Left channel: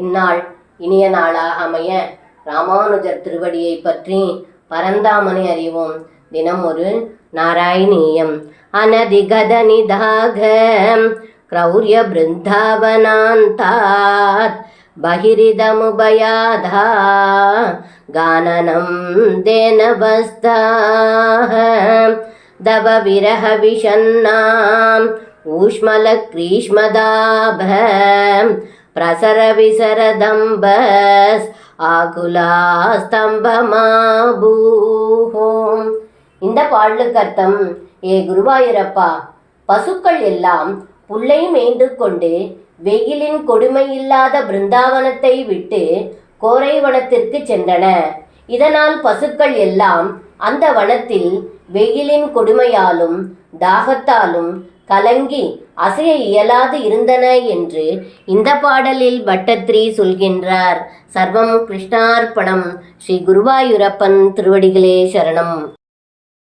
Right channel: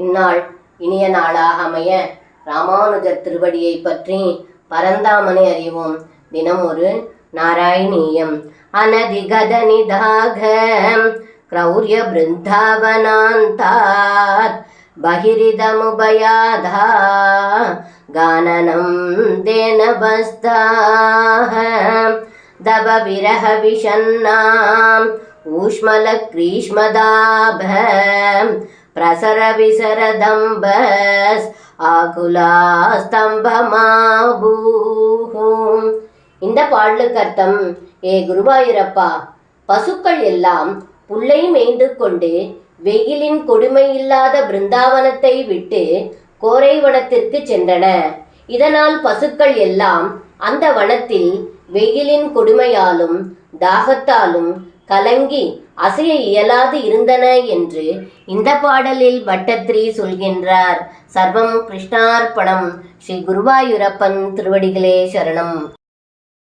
இந்நாள் இனிய நாளாக அமைய ராமானுஜர் திருவடியை பற்றி பரந்தாமனை அறிவோம். தினம் ஒரு நாராயணீயம். அனதிகத நிதாக க்ரௌரிய பிருந்தாவனாந்தாத் பகிரிதமுபயாதா கானனம் தேனவஸ்தாஹ தவ விரஹ விஷன்னாம் ஊஷ்மல கிரீஷ்மதாப பிரசர விசரதம்பஸ் ஆகுலாஸ்தம்பமாபூஹும். இந்த பாடலுக்கு அர்த்தம்: ஏ குருவாயூரப்பா, பசுக்கள் எல்லாம் புல்லை மேய்ந்து கொண்டு வெயிலின் கொடுமை இல்லாத பிருந்தாவனத்தை விட்டு கோரை வனத்திற்கு சென்றன. இதனால் பசுக்கள் எல்லாம் அந்த வனத்தில் வெயிலின் கொடுமையாலும் தாகத்தாலும் கலங்கி அசைய இயலாது இருந்தன என்று இந்த பாடலில் பட்டத்ரி சொல்கின்றார். சர்வம் கிருஷ்ணார்ப்பணம். ஸ்ரீ குருவாயூரப்பன் திருவடிகளே சரணம்.